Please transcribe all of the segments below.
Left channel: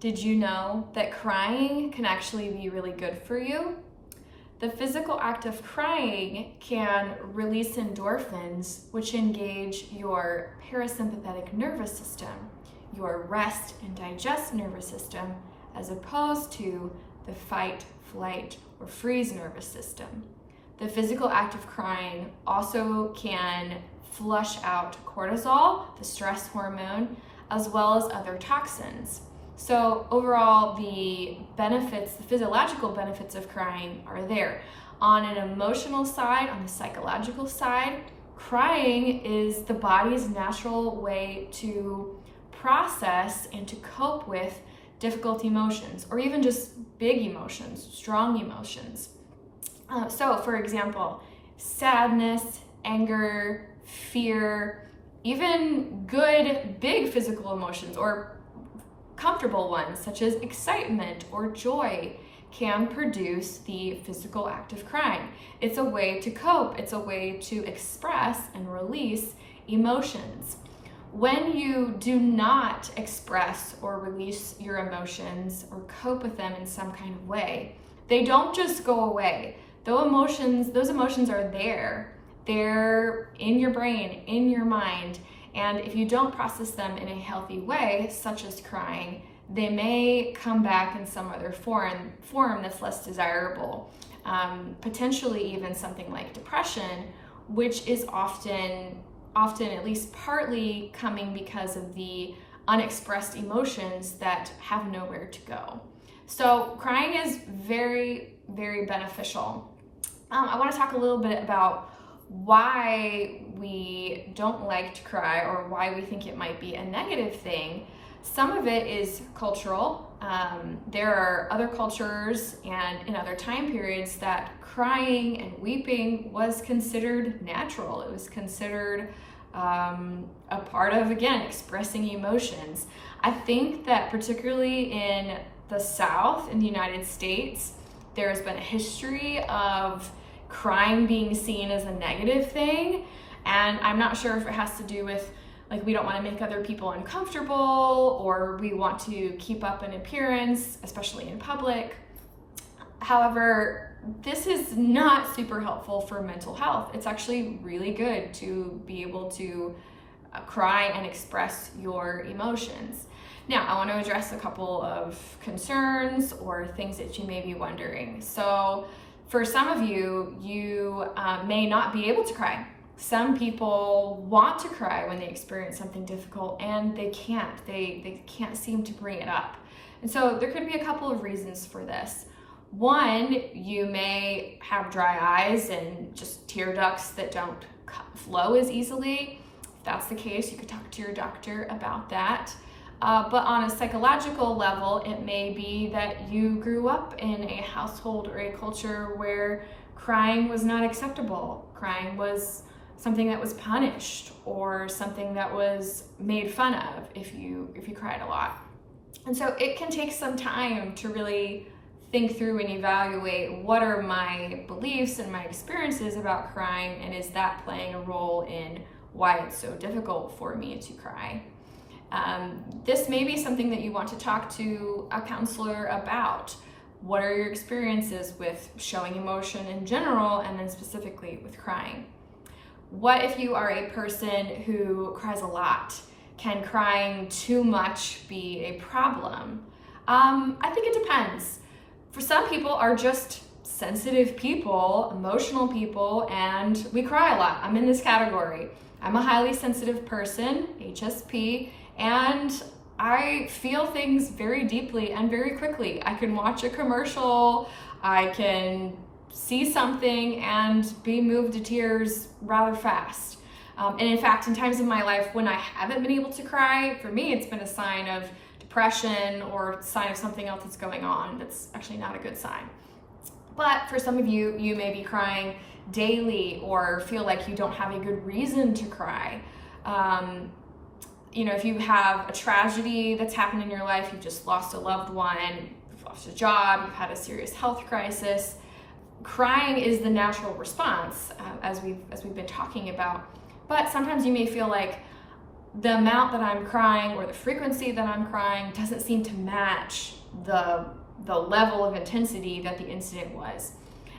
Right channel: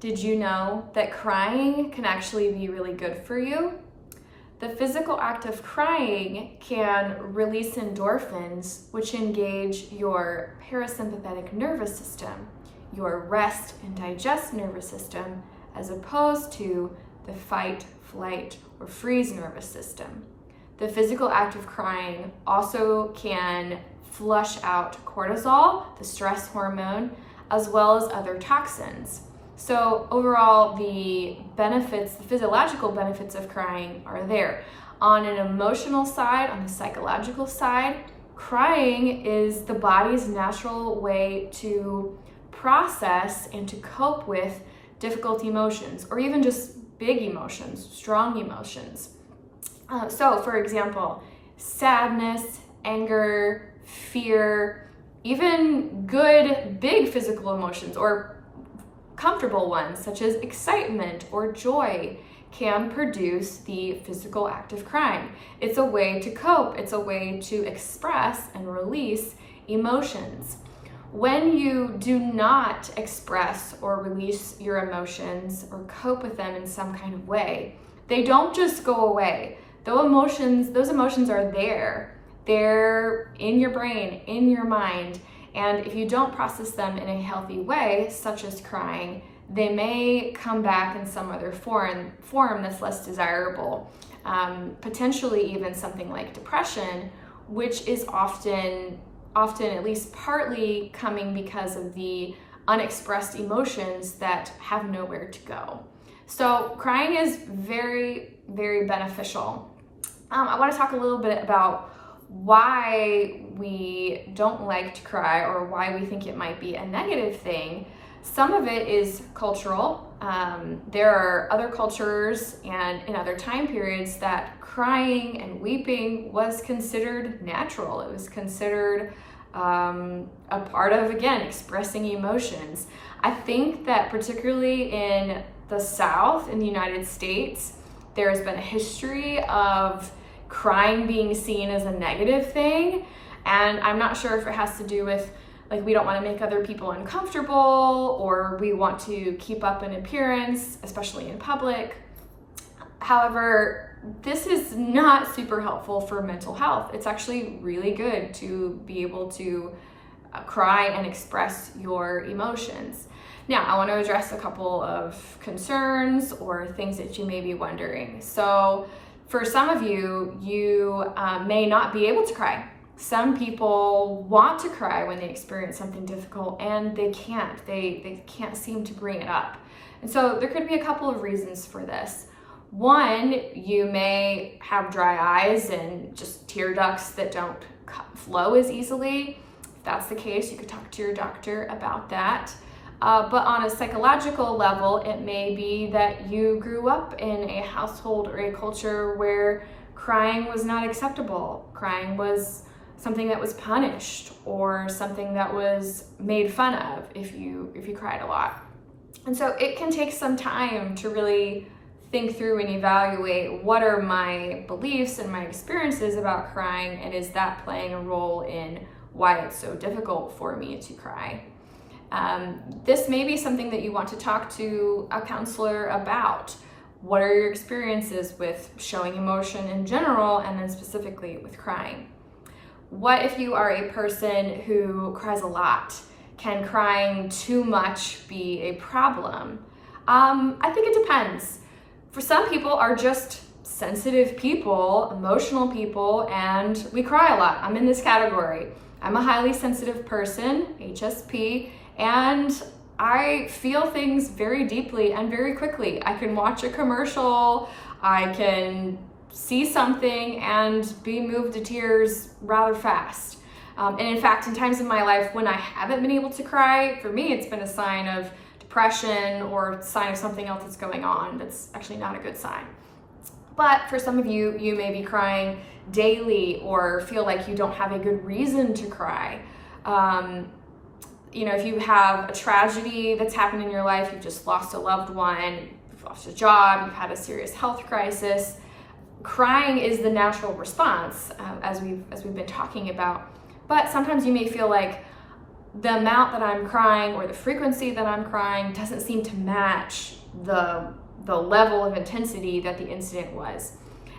Did you know that crying can actually be really good for you? The physical act of crying can release endorphins, which engage your parasympathetic nervous system, your rest and digest nervous system, as opposed to the fight, flight, or freeze nervous system. The physical act of crying also can flush out cortisol, the stress hormone, as well as other toxins. So overall, the benefits, the physiological benefits of crying are there. On an emotional side, on a psychological side, crying is the body's natural way to process and to cope with difficult emotions, or even just big emotions, strong emotions. So for example, sadness, anger, fear, even good big physical emotions or comfortable ones such as excitement or joy can produce the physical act of crying. It's a way to cope, it's a way to express and release emotions. When you do not express or release your emotions or cope with them in some kind of way, they don't just go away. Those emotions are there. They're in your brain, in your mind, and if you don't process them in a healthy way, such as crying, they may come back in some other form that's less desirable. Potentially even something like depression, which is often at least partly coming because of the unexpressed emotions that have nowhere to go. So crying is very, very beneficial. I want to talk a little bit about why we don't like to cry or why we think it might be a negative thing. Some of it is cultural. There are other cultures and in other time periods that crying and weeping was considered natural. It was considered a part of, again, expressing emotions. I think that particularly in the South, in the United States, there has been a history of crying being seen as a negative thing, and I'm not sure if it has to do with we don't want to make other people uncomfortable, or we want to keep up an appearance, especially in public. However, this is not super helpful for mental health. It's actually really good to be able to cry and express your emotions. Now, I want to address a couple of concerns or things that you may be wondering. So for some of you, you may not be able to cry. Some people want to cry when they experience something difficult and they can't. They can't seem to bring it up. And so there could be a couple of reasons for this. One, you may have dry eyes and just tear ducts that don't flow as easily. If that's the case, you could talk to your doctor about that. But on a psychological level, it may be that you grew up in a household or a culture where crying was not acceptable. Crying was something that was punished or something that was made fun of if you cried a lot. And so it can take some time to really think through and evaluate what are my beliefs and my experiences about crying, and is that playing a role in why it's so difficult for me to cry. This may be something that you want to talk to a counselor about. What are your experiences with showing emotion in general, and then specifically with crying? What if you are a person who cries a lot? Can crying too much be a problem? I think it depends. For some people are just sensitive people, emotional people, and we cry a lot. I'm in this category. I'm a highly sensitive person, HSP, and I feel things very deeply and very quickly. I can watch a commercial, I can see something and be moved to tears rather fast. And in fact, in times of my life when I haven't been able to cry, for me, it's been a sign of depression or a sign of something else that's going on. That's actually not a good sign. But for some of you, you may be crying daily or feel like you don't have a good reason to cry. If you have a tragedy that's happened in your life, you've just lost a loved one, you've lost a job, you've had a serious health crisis, crying is the natural response, as we've been talking about. But sometimes you may feel like the amount that I'm crying or the frequency that I'm crying doesn't seem to match the level of intensity that the incident was.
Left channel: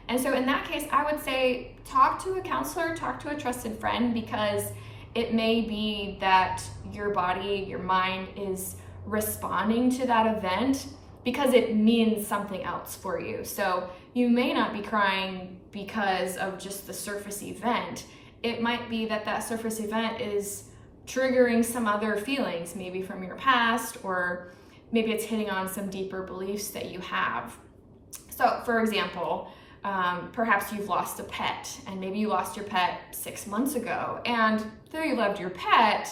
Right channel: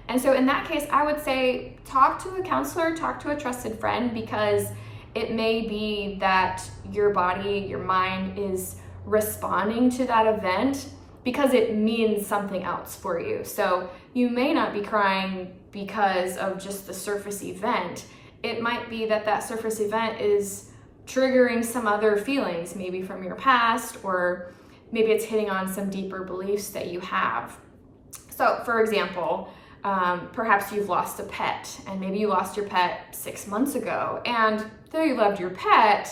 And so in that case, I would say talk to a counselor, talk to a trusted friend, because it may be that your body, your mind is responding to that event because it means something else for you. So you may not be crying because of just the surface event. It might be that that surface event is triggering some other feelings, maybe from your past, or maybe it's hitting on some deeper beliefs that you have. So for example, perhaps you've lost a pet, and maybe you lost your pet 6 months ago, and though you loved your pet,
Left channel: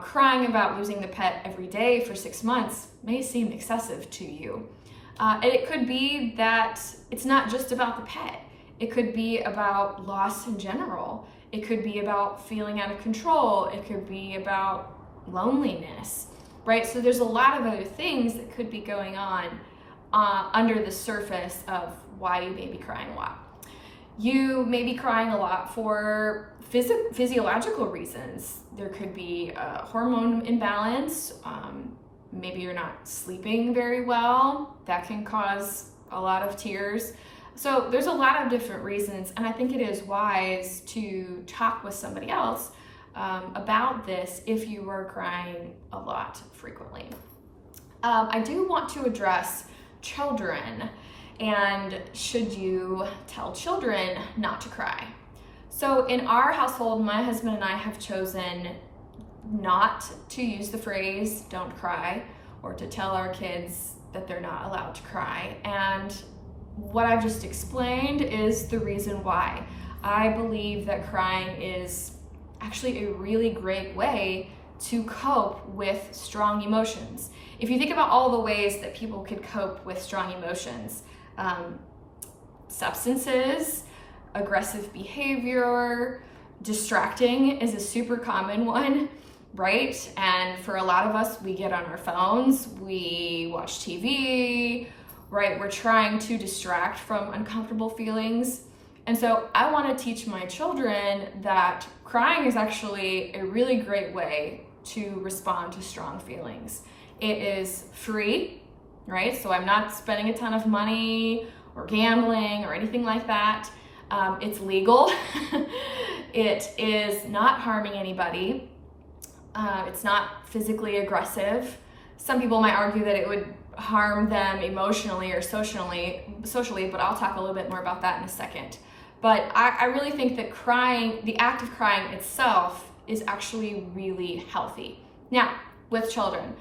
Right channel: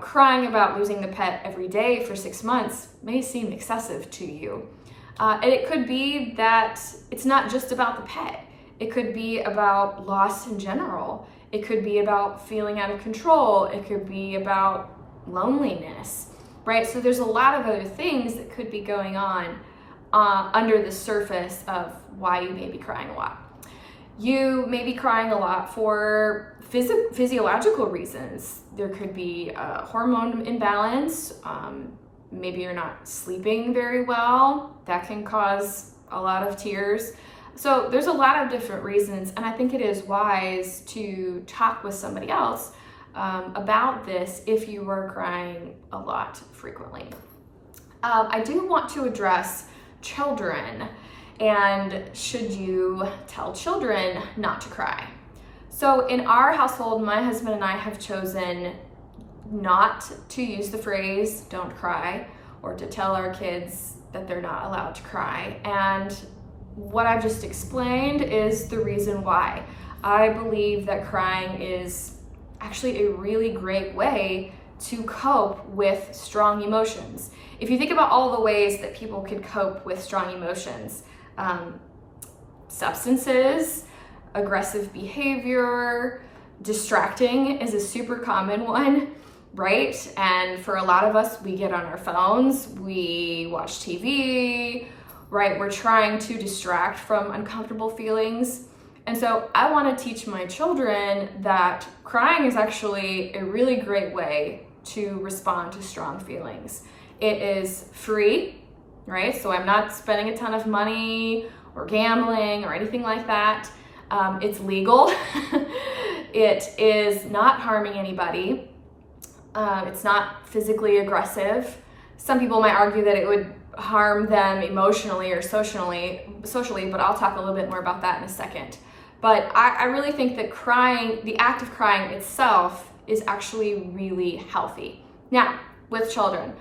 crying about losing the pet every day for 6 months may seem excessive to you. And it could be that it's not just about the pet. It could be about loss in general. It could be about feeling out of control. It could be about loneliness, right? So there's a lot of other things that could be going on under the surface of why you may be crying a lot. You may be crying a lot for physiological reasons. There could be a hormone imbalance. Maybe you're not sleeping very well. That can cause a lot of tears. So there's a lot of different reasons, and I think it is wise to talk with somebody else about this if you were crying a lot frequently. I do want to address children, and should you tell children not to cry? So in our household, my husband and I have chosen not to use the phrase "don't cry" or to tell our kids that they're not allowed to cry. And what I've just explained is the reason why. I believe that crying is actually a really great way to cope with strong emotions. If you think about all the ways that people could cope with strong emotions, substances, aggressive behavior, distracting is a super common one, right? And for a lot of us, we get on our phones, we watch TV, right? We're trying to distract from uncomfortable feelings. And so I want to teach my children that crying is actually a really great way to respond to strong feelings. It is free, right? So I'm not spending a ton of money or gambling or anything like that. It's legal. It is not harming anybody. It's not physically aggressive. Some people might argue that it would harm them emotionally or socially, but I'll talk a little bit more about that in a second. But I really think that crying, the act of crying itself, is actually really healthy. Now, with children,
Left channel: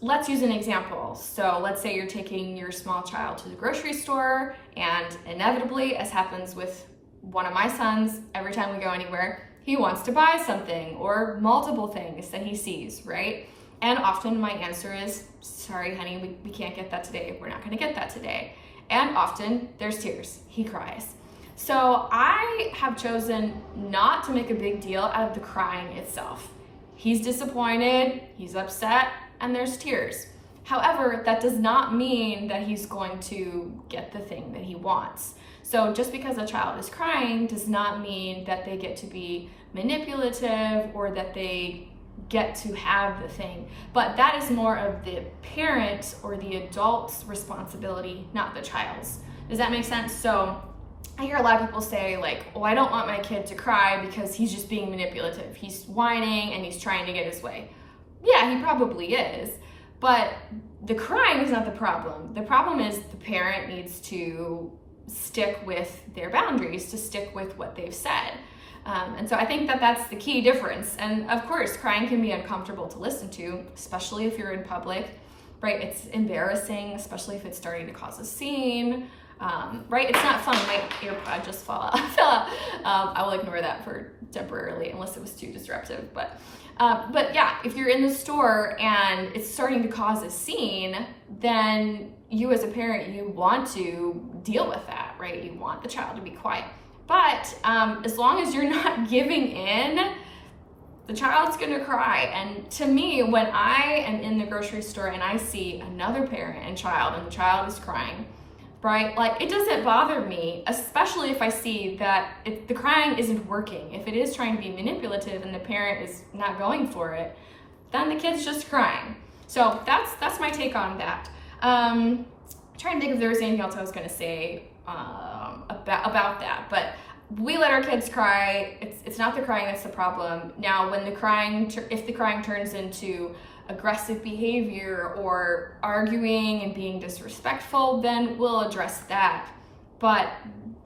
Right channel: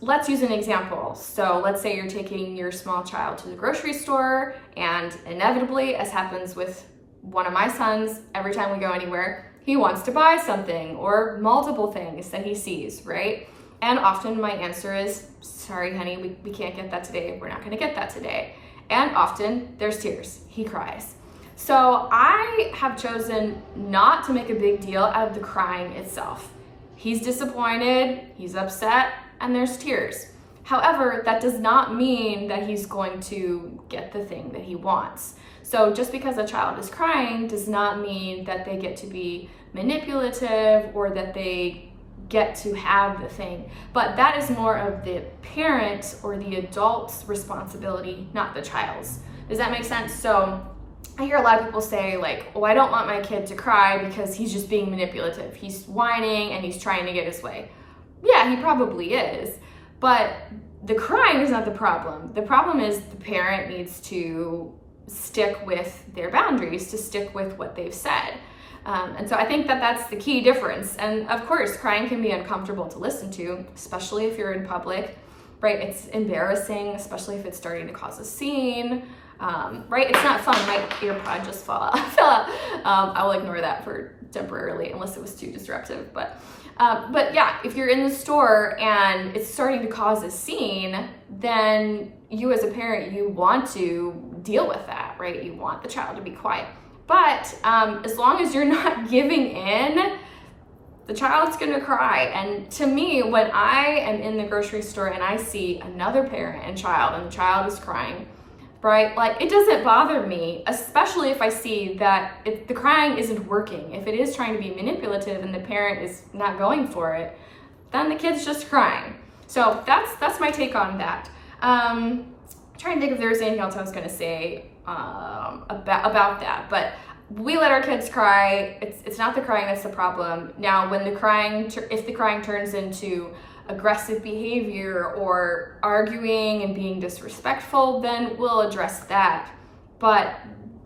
let's use an example. So let's say you're taking your small child to the grocery store, and inevitably, as happens with one of my sons, every time we go anywhere, he wants to buy something or multiple things that he sees, right? And often my answer is, sorry, honey, we can't get that today. We're not gonna get that today. And often there's tears, he cries. So I have chosen not to make a big deal out of the crying itself. He's disappointed, he's upset, and there's tears. However, that does not mean that he's going to get the thing that he wants. So just because a child is crying does not mean that they get to be manipulative or that they get to have the thing. But that is more of the parent or the adult's responsibility, not the child's. Does that make sense? So I hear a lot of people say like, oh, I don't want my kid to cry because he's just being manipulative. He's whining and he's trying to get his way. Yeah, he probably is. But the crying is not the problem. The problem is the parent needs to stick with their boundaries, to stick with what they've said. And so I think that that's the key difference. And of course, crying can be uncomfortable to listen to, especially if you're in public, right? It's embarrassing, especially if it's starting to cause a scene, right? It's not fun. My earpod just fell out. I will ignore that for temporarily unless it was too disruptive. But yeah, if you're in the store and it's starting to cause a scene, then you as a parent, you want to deal with that, right? You want the child to be quiet. But as long as you're not giving in, the child's gonna cry. And to me, when I am in the grocery store and I see another parent and child, and the child is crying, right? Like, it doesn't bother me, especially if I see that the crying isn't working. If it is trying to be manipulative and the parent is not going for it, then the kid's just crying. So that's my take on that. Trying to think if there was anything else I was gonna say about that, but we let our kids cry. It's not the crying that's the problem. Now, when if the crying turns into aggressive behavior or arguing and being disrespectful, then we'll address that. But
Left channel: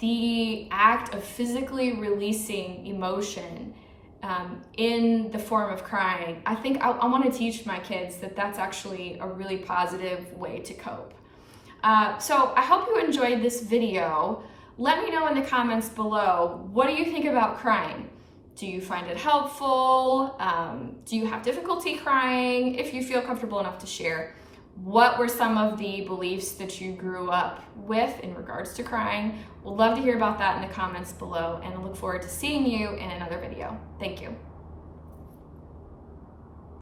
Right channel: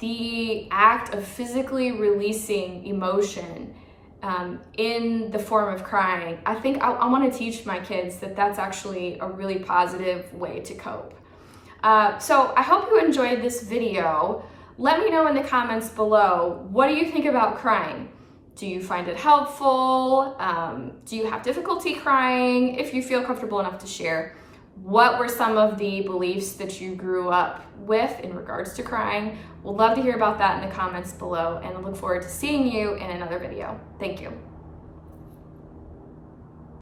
the act of physically releasing emotion in the form of crying, I think I want to teach my kids that that's actually a really positive way to cope. So I hope you enjoyed this video. Let me know in the comments below, what do you think about crying? Do you find it helpful? Do you have difficulty crying? If you feel comfortable enough to share, what were some of the beliefs that you grew up with in regards to crying? We'd love to hear about that in the comments below, and I look forward to seeing you in another video. Thank you.